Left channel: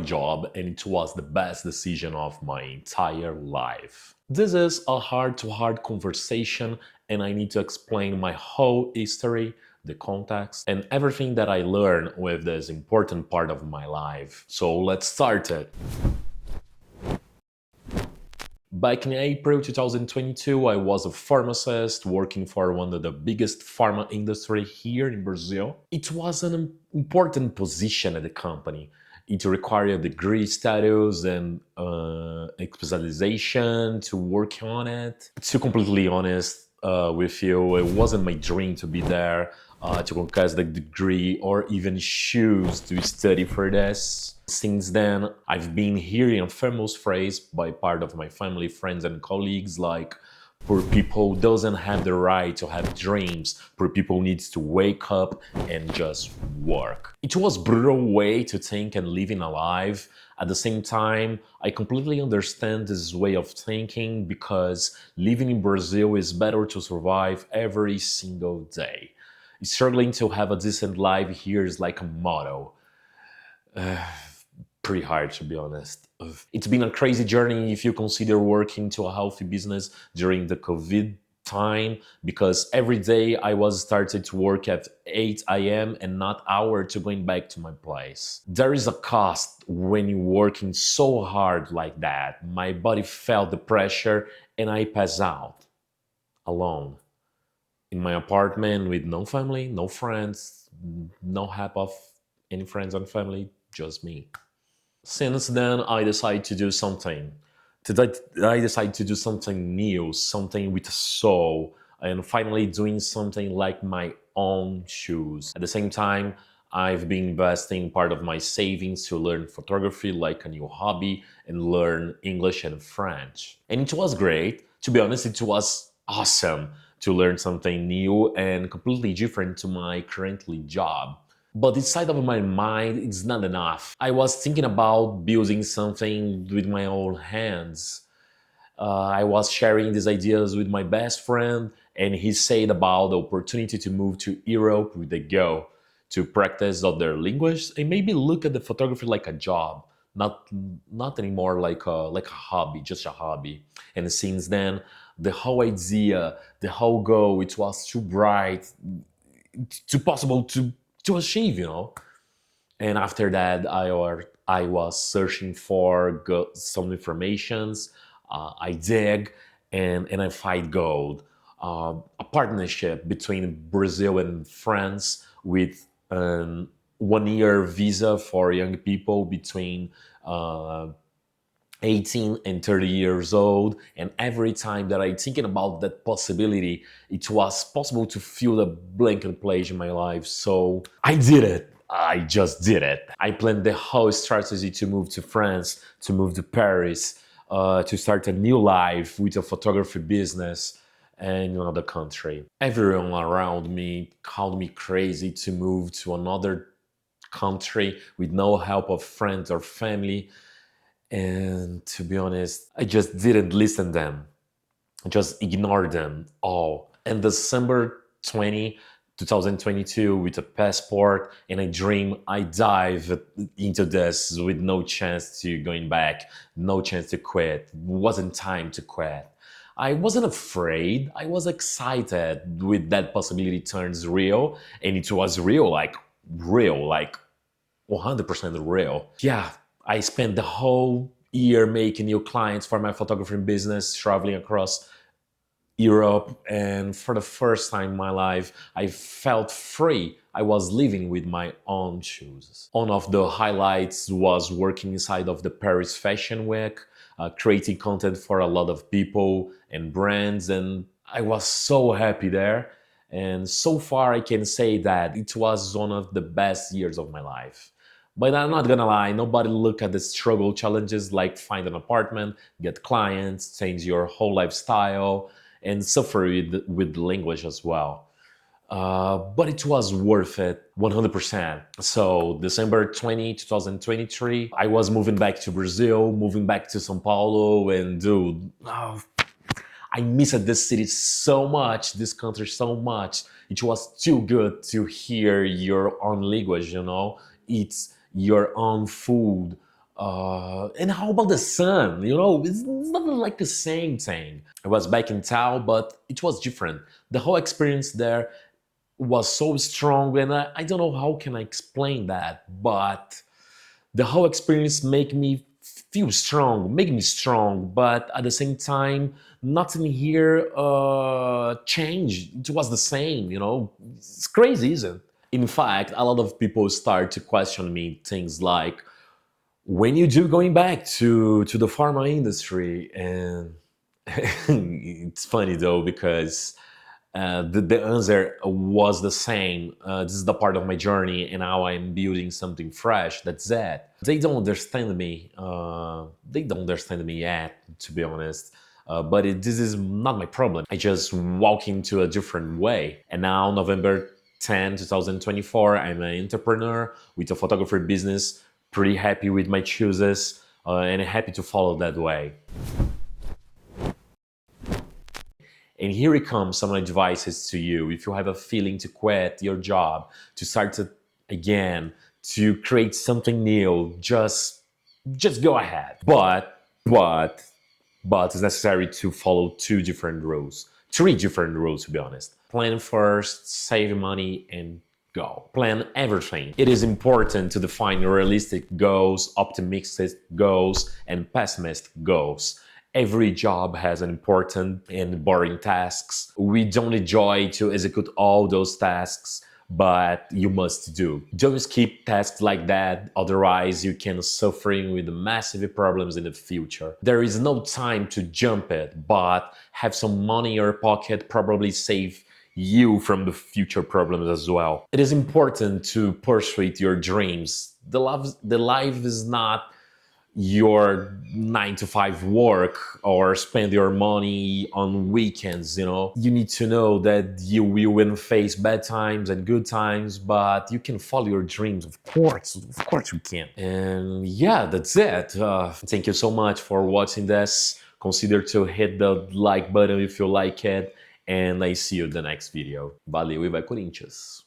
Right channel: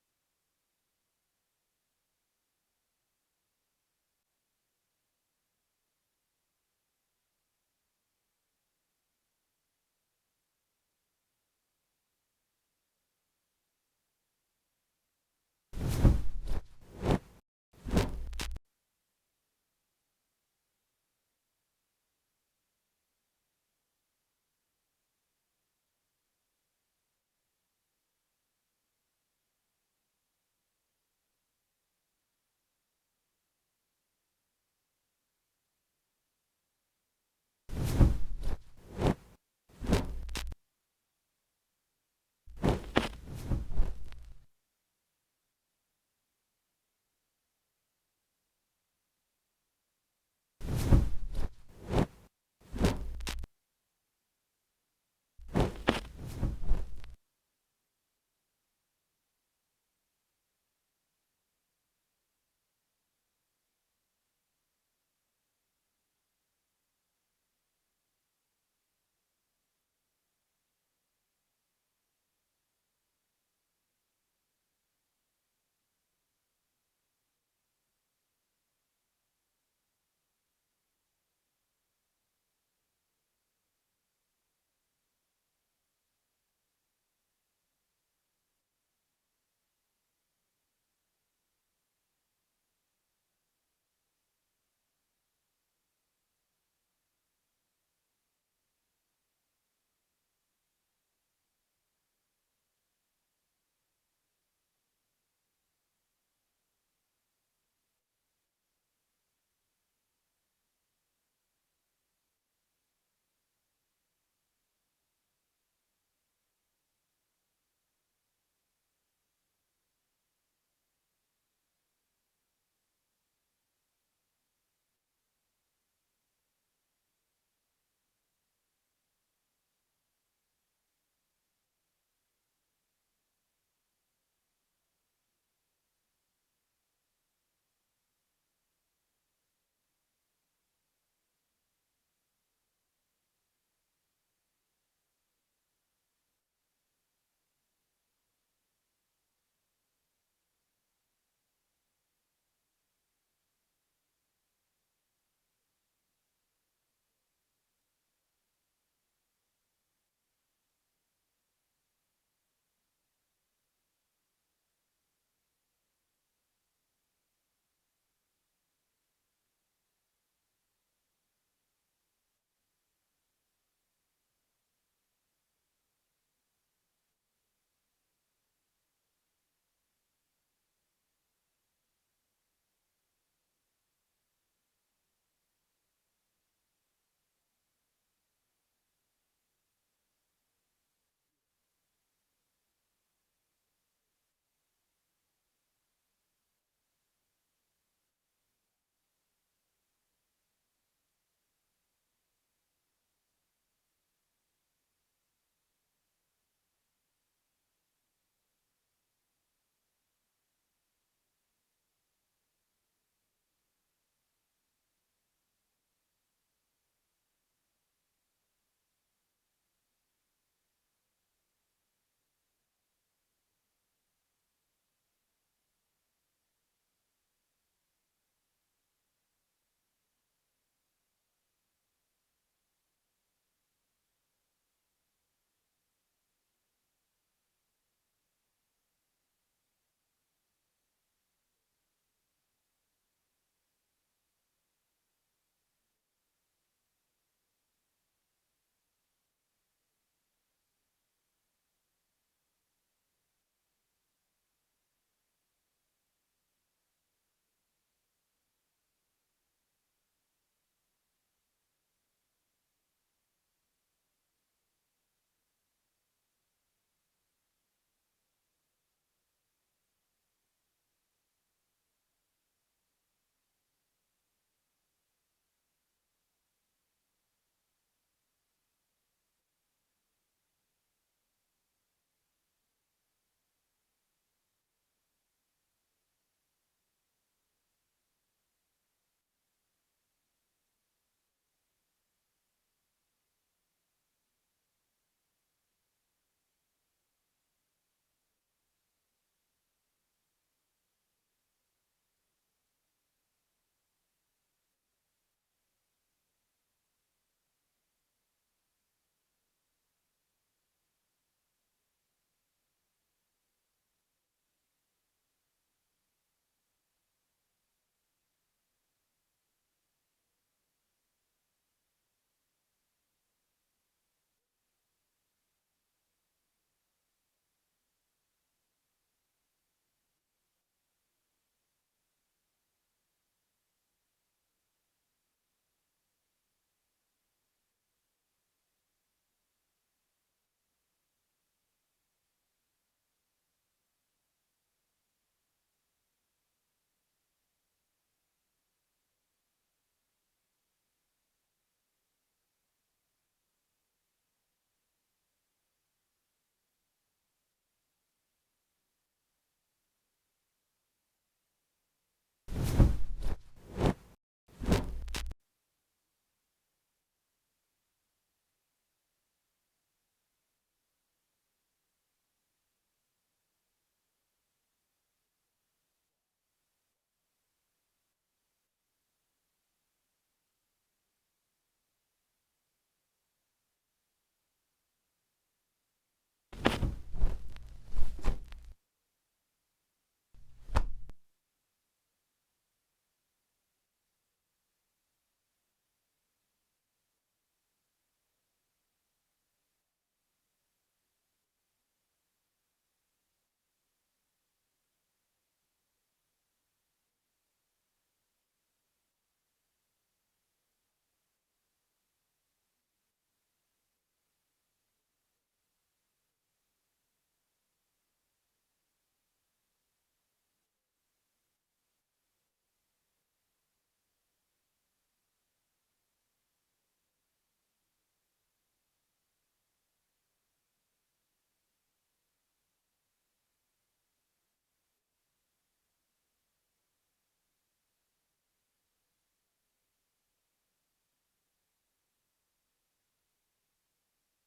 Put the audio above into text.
job and it was the best decision of my entire life. This is a heart-to-heart conversation and I need to explain my whole history, the context, and everything that I learned with this important part of my life. So let's start it. Back in April 2022, I was a pharmacist working for one of the biggest pharma industry here in Brazil. It was an important position at the company. It required a degree status and a specialization to work on it. To be completely honest with you, it wasn't my dream to be there, to conquest the degree or even choose to study for this. Since then, I've been hearing a famous phrase by part of my family, friends, and colleagues like, poor people doesn't have the right to have dreams. Poor people needs to wake up and just work. It was a brutal way to think and living alive. At the same time, I completely understand this way of thinking because living in Brazil is better to survive every single day. Struggling to have a decent life here is like a motto. Pretty hard, to be honest. It's been a crazy journey if you consider working to a healthy business during the COVID time, because every day I was started to work at 8 a.m. and not hour to going back to my place. There is a cost when you're working so hard like that. My body felt the pressure and I passed out alone in my apartment with no family, no friends, no help of any friends and family, just me. Since then, I decided to do something. I decided to do something new, something with a soul, and finally doing something like my own shoes. At the same time, I've been investing part of my savings to learn photography like a new hobby and learn English and French. And it was great. To be honest, it was awesome to learn something new and completely different to my currently job. But inside of my mind, it's not enough. I was thinking about building something with my own hands. I was sharing these ideas with my best friend, and he said about the opportunity to move to Europe with a go to practice other language and maybe look at the photography like a job, not not anymore like a hobby, just a hobby. And since then, the whole idea, the whole goal, it was too bright, too possible to achieve, you know. And after that, I was searching for some informations. I dig and I find gold. A partnership between Brazil and France with an 1 year visa for young people between uh, 18 and 30 years old. And every time that I thinking about that possibility, it was possible to feel a blanket place in my life. So I did it. I just did it. I planned the whole strategy to move to France, to move to Paris, to start a new life with a photography business in another country. Everyone around me called me crazy to move to another country with no help of friends or family. And to be honest, I just didn't listen to them. I just ignored them all. And December 2022, with a passport and a dream, I dive into this with no chance to going back, no chance to quit. Wasn't time to quit. I wasn't afraid. I was excited with that possibility turns real, and it was real, like 100% real. Yeah, I spent the whole year making new clients for my photography business, traveling across Europe, and for the first time in my life, I felt free. I was living with my own shoes. One of the highlights was working inside of the Paris Fashion Week, creating content for a lot of people and brands, and I was so happy there. And so far, I can say that it was one of the best years of my life. But I'm not gonna lie, nobody look at the struggle challenges like find an apartment, get clients, change your whole lifestyle, and suffer with language as well. But it was worth it 100%. So December 2023, I was moving back to Brazil, moving back to São Paulo, and dude, I missed this city so much, this country so much. It was too good to hear your own language, you know? It's your own food, And how about the sun? You know, it's not like the same thing. I was back in town, but it was different. The whole experience there was so strong, and I don't know how can I explain that, but the whole experience make me feel strong, make me strong, but at the same time, nothing here changed. It was the same, you know. It's crazy, isn't it? In fact, a lot of people start to question me things like, when you do going back to the pharma industry, and it's funny though because the answer was the same. This is the part of my journey, and now I'm building something fresh. That's it. They don't understand me. They don't understand me yet, to be honest. But this is not my problem. I just walk into a different way. And now, November 10, 2024, I'm an entrepreneur with a photography business. Pretty happy with my choices, and happy to follow that way. And here it comes some advices to you. If you have a feeling to quit your job, to start to, again, to create something new, just go ahead. But it's necessary to follow two different rules, three different rules to be honest. Plan first, save money, and go. Plan everything. It is important to define realistic goals, optimistic goals, and pessimistic goals. Every job has an important and boring tasks. We don't enjoy to execute all those tasks, but you must do. Don't skip tasks like that, otherwise you can suffering with massive problems in the future. There is no time to jump it, but have some money in your pocket, probably save you from the future problems as well. It is important to pursue your dreams. The life is not your 9 to 5 work or spend your money on weekends. You know, you need to know that you will face bad times and good times, but you can follow your dreams. Of course you can. And yeah, that's it. Thank you so much for watching this. Consider to hit the like button if you like it, and I see you in the next video. Valeu e vai Corinthians!